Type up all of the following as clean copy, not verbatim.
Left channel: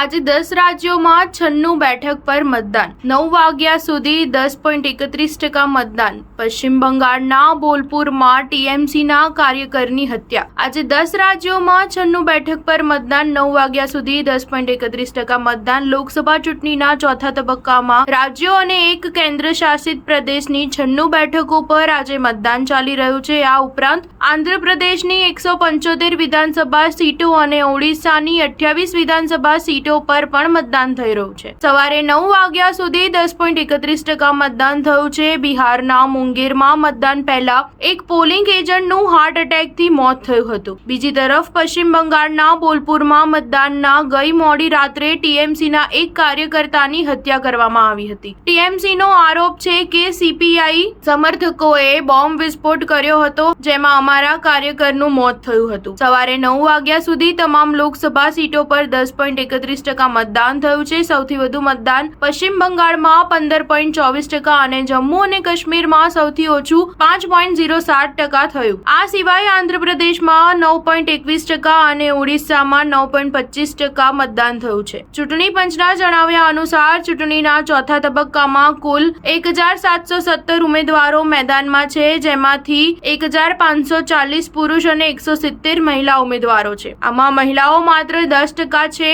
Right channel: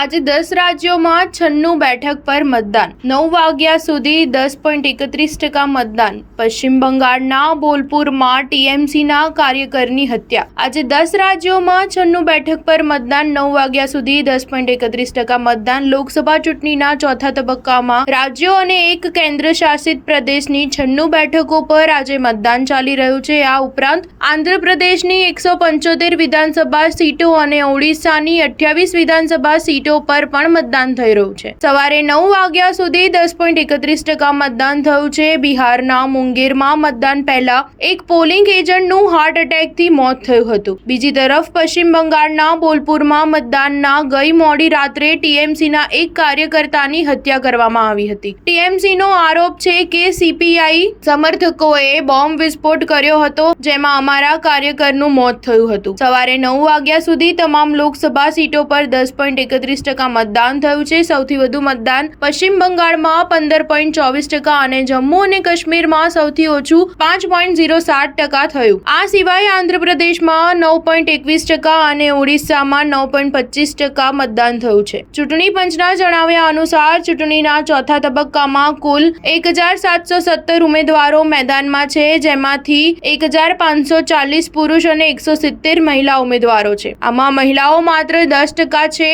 આજે 10 રાજ્યોમાં 96 બેઠક પર મતદાન 9 વાગ્યા સુધી 10.31% મતદાન। પશ્ચિમ બંગાળના બોલપુરમાં ટીએમસીના કાર્યકરની હત્યા। આજે 10 રાજ્યોમાં 96 બેઠક પર મતદાન 9 વાગ્યા સુધી 10.31% મતદાન। લોકસભા ચૂંટણીના ચોથા તબક્કામાં રાજ્યો અને એક કેન્દ્ર શાસિત પ્રદેશની 96 બેઠકો પર આજે મતદાન ચાલી રહ્યું છે। આ ઉપરાંત આંધ્રપ્રદેશની 175 વિધાનસભા સીટો અને ઓડિશાની 28 વિધાનસભા સીટો પર પણ મતદાન થઈ રહ્યું છે। સવારે 9 વાગ્યા સુધી 10.31% મતદાન થયું છે। બિહારના મુંગેરમાં મતદાન પહેલા એક પોલિંગ એજન્ટનું હાર્ટ એટેકથી મોત થયું હતું। બીજી તરફ પશ્ચિમ બંગાળના બોલપુરમાં મતદાનના ગઈ મોડી રાત્રે ટીએમસીના એક કાર્યકર્તાની હત્યા કરવામાં આવી હતી। ટીએમસીનો આરોપ છે કે સીપીઆઈ સમર્થકોએ બોમ્બ વિસ્ફોટ કર્યો હતો, જેમાં અમારા કાર્યકરનું મોત થયું હતું। સવારે 9 વાગ્યા સુધી તમામ લોકસભા સીટો પર 10.31% મતદાન થયું છે। સૌથી વધુ મતદાન પશ્ચિમ બંગાળમાં 15.24% અને જમ્મુ અને કાશ્મીરમાં સૌથી ઓછું 5.07% થયું। આ સિવાય આંધ્રપ્રદેશમાં 9.21% અને ઓડિશામાં 9.25% મતદાન થયું છે। ચૂંટણી પંચના જણાવ્યા અનુસાર ચૂંટણીના ચોથા તબક્કામાં કુલ 1717 ઉમેદવારો મેદાનમાં છે, જેમાંથી 1540 પુરુષ અને 170 મહિલા ઉમેદવારો છે। આમાં મહિલાઓ માત્ર 10% છે।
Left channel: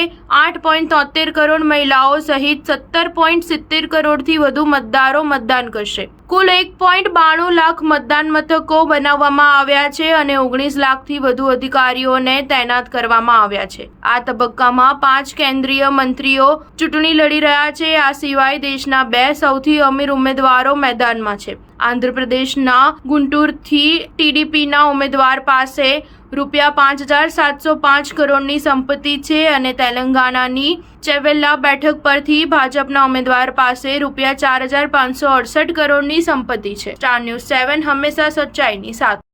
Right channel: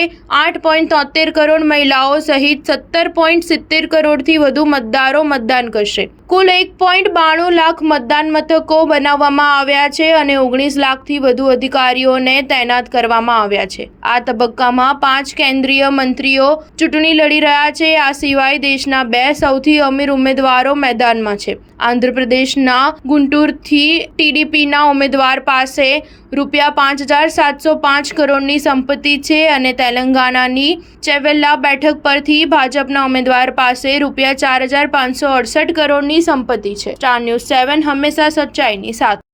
8.73 કરોડ મહિલાઓ સહિત 17.70 કરોડથી વધુ મતદારો મતદાન કરશે। કુલ 1.92 લાખ મતદાન મથકો બનાવવામાં આવ્યા છે અને 19 લાખથી વધુ અધિકારીઓને તૈનાત કરવામાં આવ્યા છે। આ તબક્કામાં 5 કેન્દ્રીય મંત્રીઓ ચૂંટણી લડી રહ્યા છે। આ સિવાય દેશના 2 સૌથી અમીર ઉમેદવારો મેદાનમાં છે। આંધ્રપ્રદેશના ગુંટુરથી ટીડીપીના ઉમેદવાર પાસે ₹5,705 કરોડની સંપત્તિ છે અને તેલંગાણાની ચેવેલ્લા બેઠક પરથી ભાજપના ઉમેદવાર પાસે ₹4,568 કરોડની સંપત્તિ છે। સ્ટાર ન્યૂઝ 7 હંમેશા સચ્ચાઈની સાથે।